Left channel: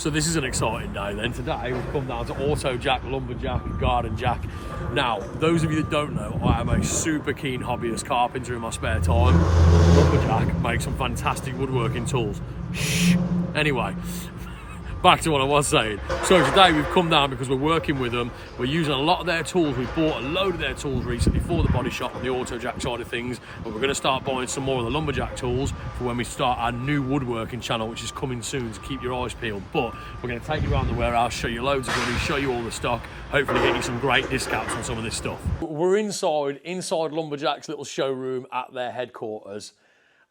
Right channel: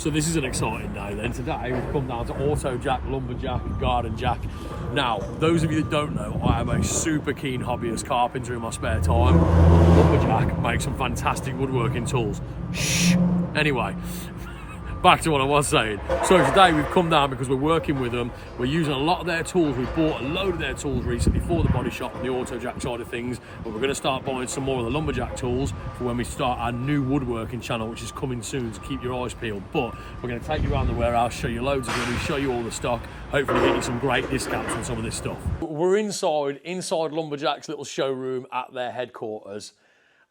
So this is an exciting day then. Today we've come down to AutoJack, Lumberjack, Garden Jack. Now, those of you that don't know, I am a super keen hobbyist carpenter in my spare time. Lumberjack makes some fantastic woodworking tools. Shh. Anyway, back to what I was saying. So today we've come down because we're working with them. We're using a lot of their tools. We bought a load of their tools recently for the body shop on the AutoJack side of things, but we're going to start buying some more of the Lumberjack tools for when we start our new woodworking channel, which is coming soon, so keep your eyes peeled. But we're going to take you around the warehouse, show you loads of goodies, show you all the stock, hopefully get you some great discounts on some of this stuff. We're inside Lumberjack's little showroom at their headquarters,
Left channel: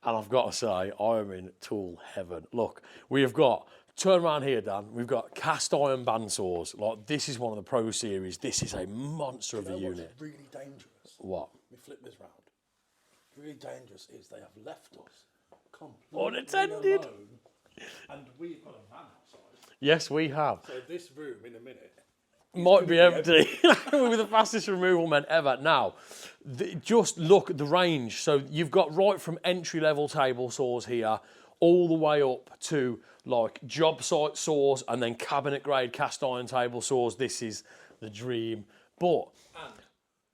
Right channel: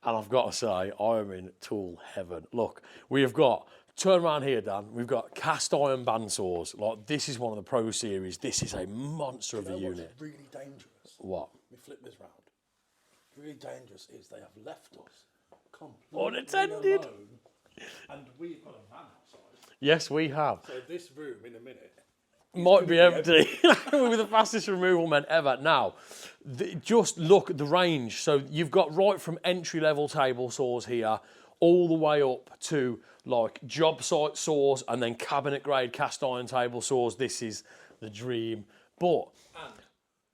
and I've got to say, I am in tool heaven. Look, we have got, turn around here, Dan. We've got cast iron bandsaws. Like, this is one of the Pro Series. This is a monster of a unit. What's really dangerous? What? Let me flip this round. Really dangerous is they have left us completely unattended. alone, and we've got a van outside. Yes, we have. So this room in a minute Might be empty. We're the fastest removal men ever. Now, just look at the range. So you've got right from entry-level table saws here all the way up to like job site saws and then cabinet grade cast iron table saws. This is the dream. But and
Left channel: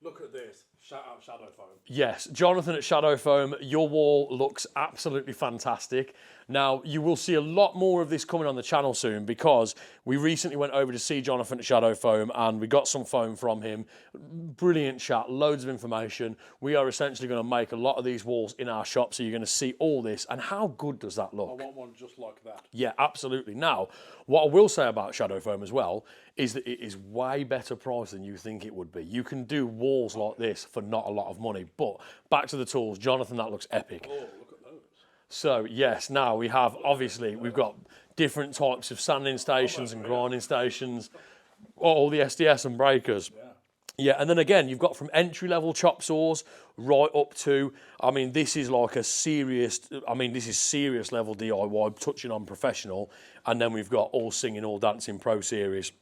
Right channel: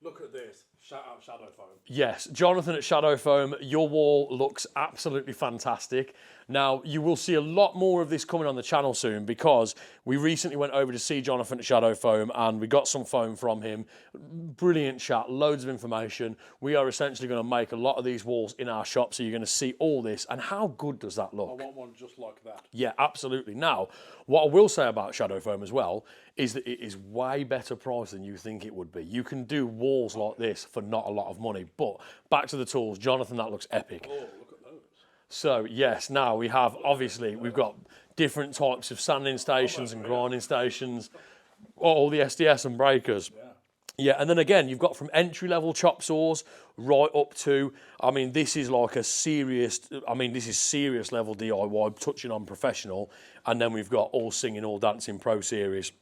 look at this. Shout out Shadow Foam. yes, Jonathan at Shadow Foam, your wall looks absolutely fantastic. Now, you will see a lot more of this coming on the channel soon because we recently went over to see Jonathan at Shadow Foam and we got some foam from him. Brilliant chat, loads of information. We are essentially going to make a lot of these walls in our shop, so you're going to see all this. And how good does that look? I want one just like that. Yeah, absolutely. Now, what I will say about Shadow Foam as well is that it is way better price than you think it would be. You can do walls like this for not a lot of money. But back to the tools. Jonathan, that looks epic. Oh, look at those. So, yes, now we have, obviously, we've got different types of sanding stations and grinding stations, all the SDS and breakers. Yeah, and then again, you've got from entry-level chop saws right up to, I mean, this is like a serious, this is serious level DIY, touching on professional, and then we've got all singing, all dancing Pro Series.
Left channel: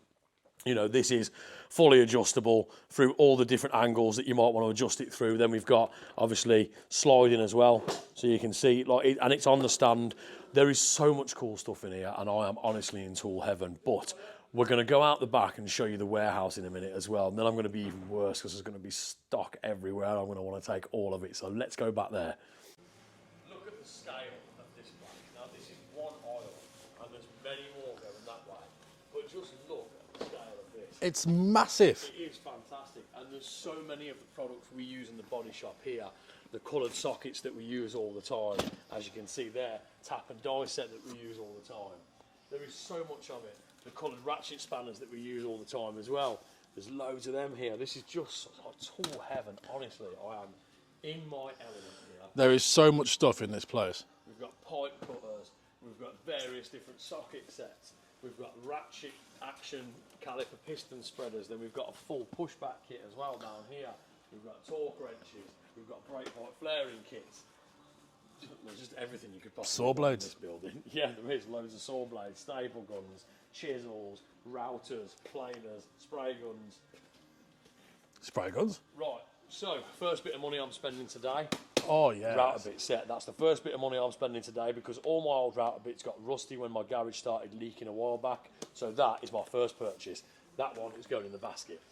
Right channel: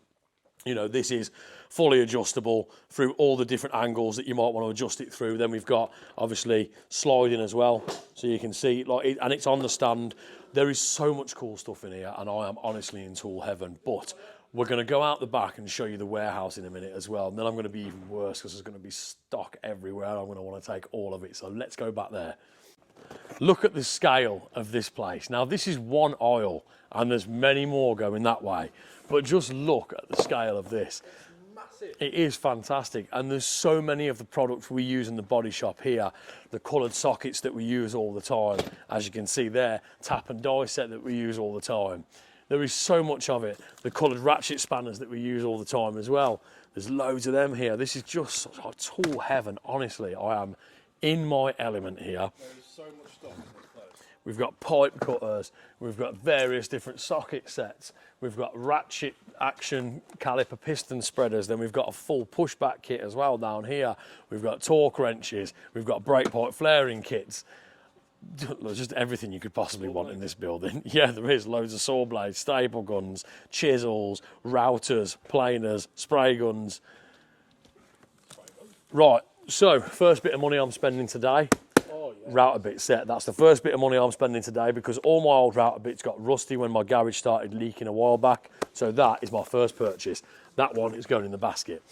You know, this is fully adjustable through all the different angles that you might want to adjust it through. Then we've got, obviously, sliding as well, so you can see, like, and it's on the stand. There is so much cool stuff in here, and I am honestly in tool heaven, but we're going to go out the back and show you the warehouse in a minute as well, and then I'm going to be even worse because there's going to be stock everywhere. I'm going to want to take all of it, so let's go back there. Look at the scale of this place. Now, this is one aisle, and there's many more going that way. But just look at the scale of this. It's massive. It is fantastic. And there's so many of the products we use in the body shop here. The coloured sockets that we use all the time. As you can see there, tap and die set that we use all the time. There is so much of it. The coloured ratchet spanners that we use all the time as well. There's loads of them here. This is just like tool heaven. Honestly, I am in my element here. There is so much stuff in this place. We've got pipe cutters. We've got various different socket sets. We've got ratchet action caliper piston spreaders. Then we've got a full pushback kit as well down here. We've got torque wrenches. We've got brake pipe flaring kits. Just everything you could possibly want in this building. Yeah, there is loads of saw blades, staple guns, chisels, routers, planers, spray guns. Spray guns? Right, so first bit of money I'm spending today. Oh, yeah. Router bit set. That's the first bit of money I'm spending today because all my old router bits got rusty when my garage started leaking a while back. So that is my first purchase. That one is going in the basket.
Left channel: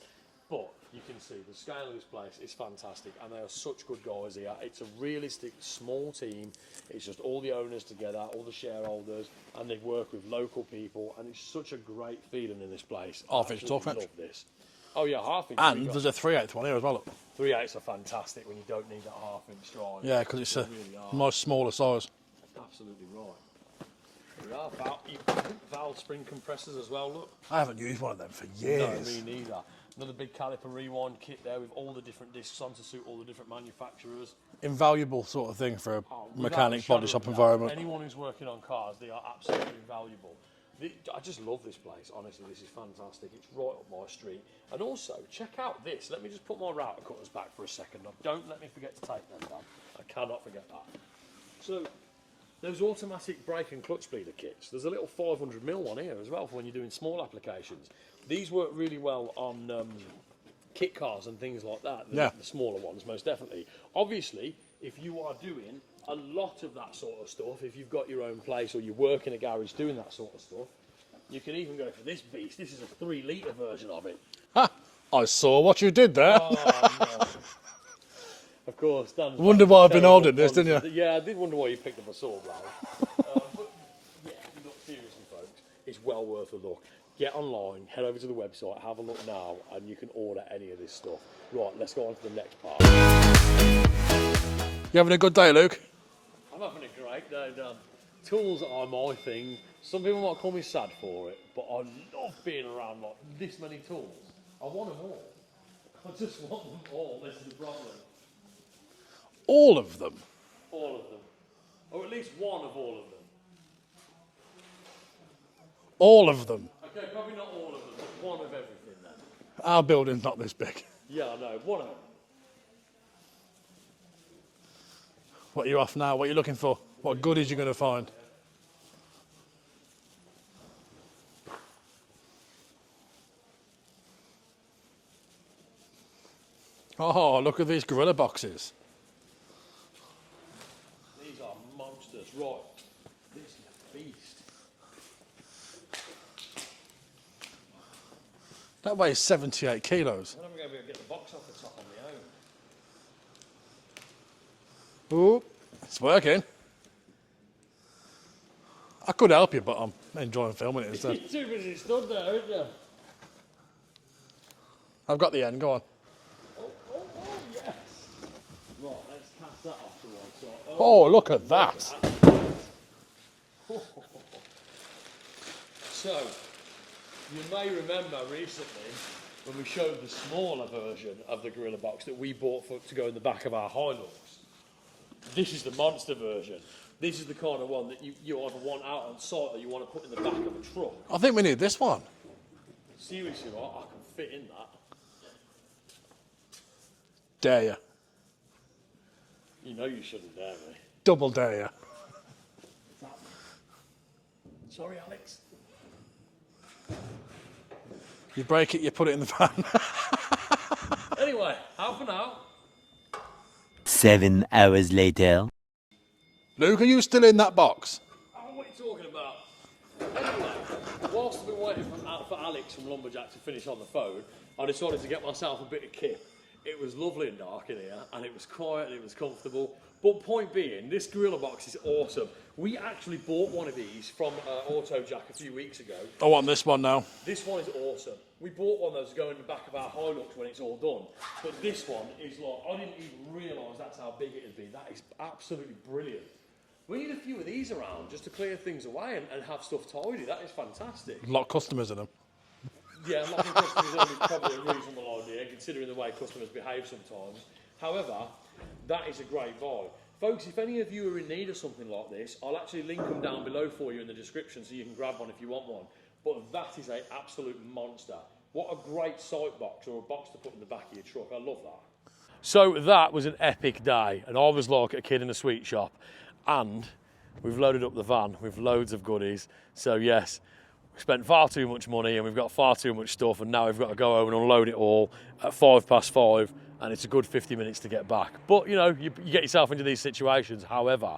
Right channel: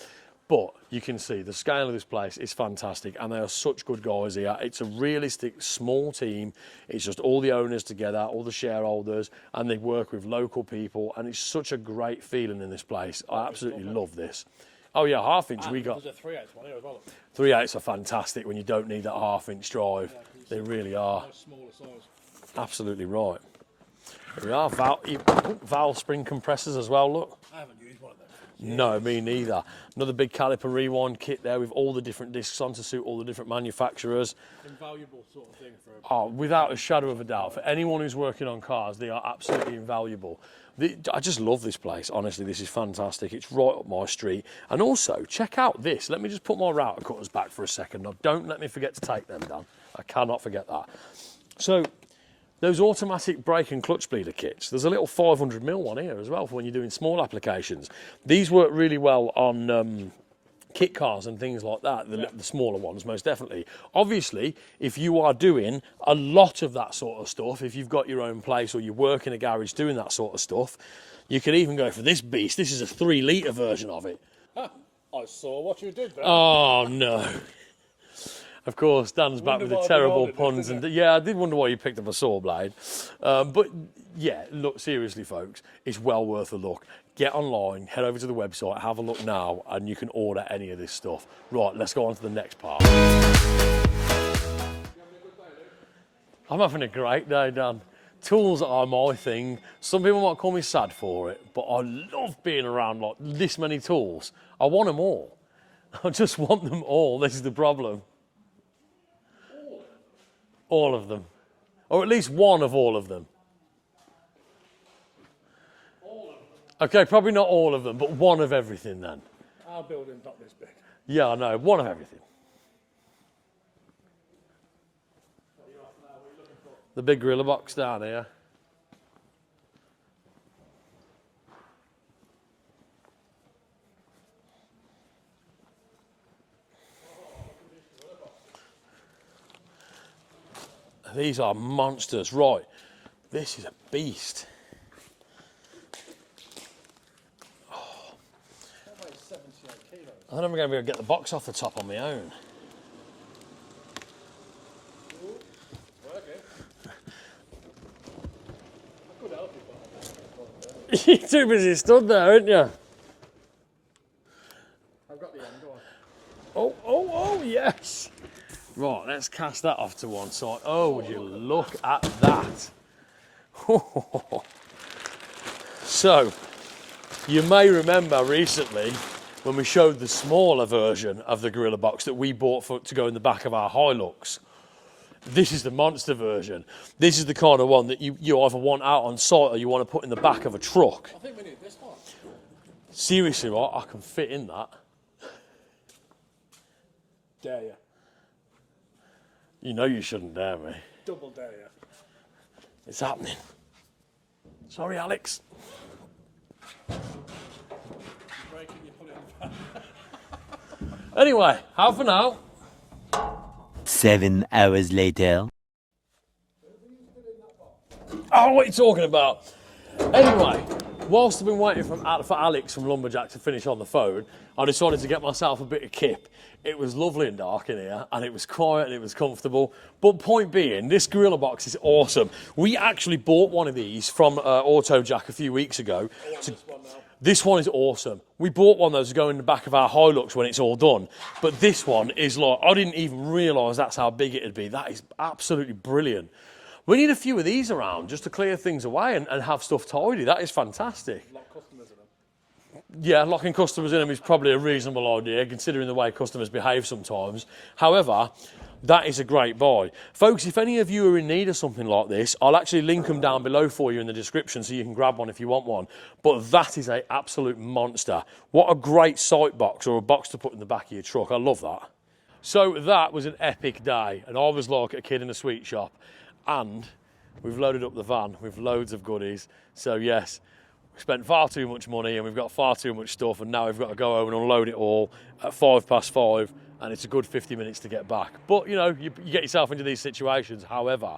But you can see the scale of this place is fantastic and they are such good guys here. It's a realistic small team. It's just all the owners together, all the shareholders, and they work with local people, and it's such a great feeling in this place. I absolutely love this. Oh yeah, half inch. And there's a 3/8 one here as well. Look. 3/8s are fantastic when you don't need that half-inch drive. Yeah, because it's they really are. Nice smaller size. Absolutely right. Here we are, valve spring compressors as well, look. I haven't used one of them for years. No, me neither. Another big caliper rewind kit there with all the different discs on to suit all the different manufacturers. Invaluable sort of thing for a without a shadow of a doubt. environment. For anyone who's working on cars, they are absolutely invaluable. I just love this place, honestly. This is fantastic. It's right up my street. And also, check out this. Let me just put my router cutters back for a second. Now, don't let me forget to take them, Dan. I cannot forget that. So, those automatic brake and clutch bleeder kits, there's a little 500mm one here as well for when you're doing small applications. These work really well on kit cars and things like that, the smaller ones, most definitely. Obviously, if you are doing a lot of that sort of stuff, if you've got your own place or you work in a garage doing that sort of stuff, You could even go for this beast. This is a 3-litre version of it. Ha! I saw what you did there. Oh, no. Of course, Dan's Wonder back why with I've been terrible holding this, puns didn't and- Yeah, I did wonder why you picked up a saw blade. But yeah, look, seriously, folks, it's well worth a look. Get online, head over to the website, have a look now, and you can order any of this stuff. Right, let's go on to the next part. You having a good day, Luke? I'm having a great day, Dan. Tools are my thing. Some people might call me sad for it, but I love being around like this many tools. I want them all. I just want them all. This is the problem. All of them? All of them. Or at least one of all of them. All of them? Okay, probably not all of them, but one of everything then. Our building's not this big. Yeah, I know. One of everything. What are you off now? What are you looking for? The What big gorilla goodies you box gonna down find? here. Oh, look at these gorilla boxes. These are monsters. Right, this is a beast. That weighs 78 kilos. I don't know if I'm going to be able to get the box off the top on my own. Ooh, it's working. I could help you, but I'm enjoying filming it. So. You're too busy stood there, aren't you? I've got the end, go on. Oh, yes. Right, let's cast that off to one side. Oh, look at that. At that. So, you may remember recently when we showed the smaller version of the Gorilla Box that we bought to go in the back of our Hilux. This is the monster version. This is the kind of one that you either want out on site or you want to put in the back of a truck. I think we need this one. Seriously, right? I can fit in that. Dare you. You know you shouldn't dare me. Double dare you. It's happening. Sorry, Alex. You break it, you put it in the van. Anyway, how for now? 7 hours later. Luke, are you still in that box? Oh, what are you talking about? Anyway, whilst I've been waiting for Alex from Lumberjack to finish on the phone, I decided to get myself a bit of kip. It was lovely and dark in here, and it was quiet and it was comfortable. But point being, this Gorilla Box is awesome. We actually bought one of these from AutoJack a few weeks ago. I want this one now. This one is awesome. We bought one that was going in the back of our Hilux when it's all done. But this one is like, I didn't even realise that's how big it'd be. That is absolutely brilliant. We need a few of these around just to clear things away and have stuff tidy. That is fantastic. A lot of customers in them. Yeah, locking customers in them is probably a reasonable idea, considering the way customers behave sometimes. However, that is a great buy. Folks, if any of you are in need of something like this, I'll actually link them down below for you in the description so you can grab one if you want one. But that is an absolute monster. What a great sight box or a box to put in the back of your truck. I love that. So that was an epic day, and I was like a kid in a sweet shop. And we've loaded up the van with loads of goodies. So yes, we spent far too much money and we've got far too much stuff, and now we've got to go home and unload it all at 5:05, and it's a good 50 minutes to get back. But you know, you get yourself into these situations. However,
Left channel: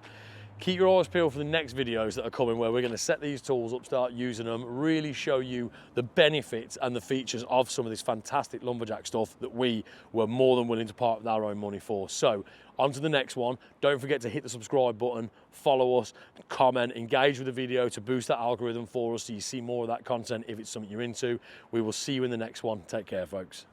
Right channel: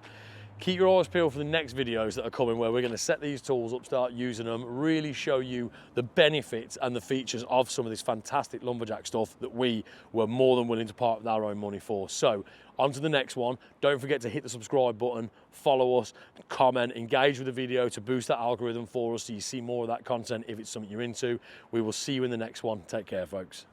keep your eyes peeled for the next videos that are coming, where we're going to set these tools up, start using them, really show you the benefits and the features of some of this fantastic Lumberjack stuff that we were more than willing to part with our own money for. So on to the next one. Don't forget to hit the subscribe button, follow us, comment, engage with the video to boost that algorithm for us so you see more of that content if it's something you're into. We will see you in the next one. Take care, folks.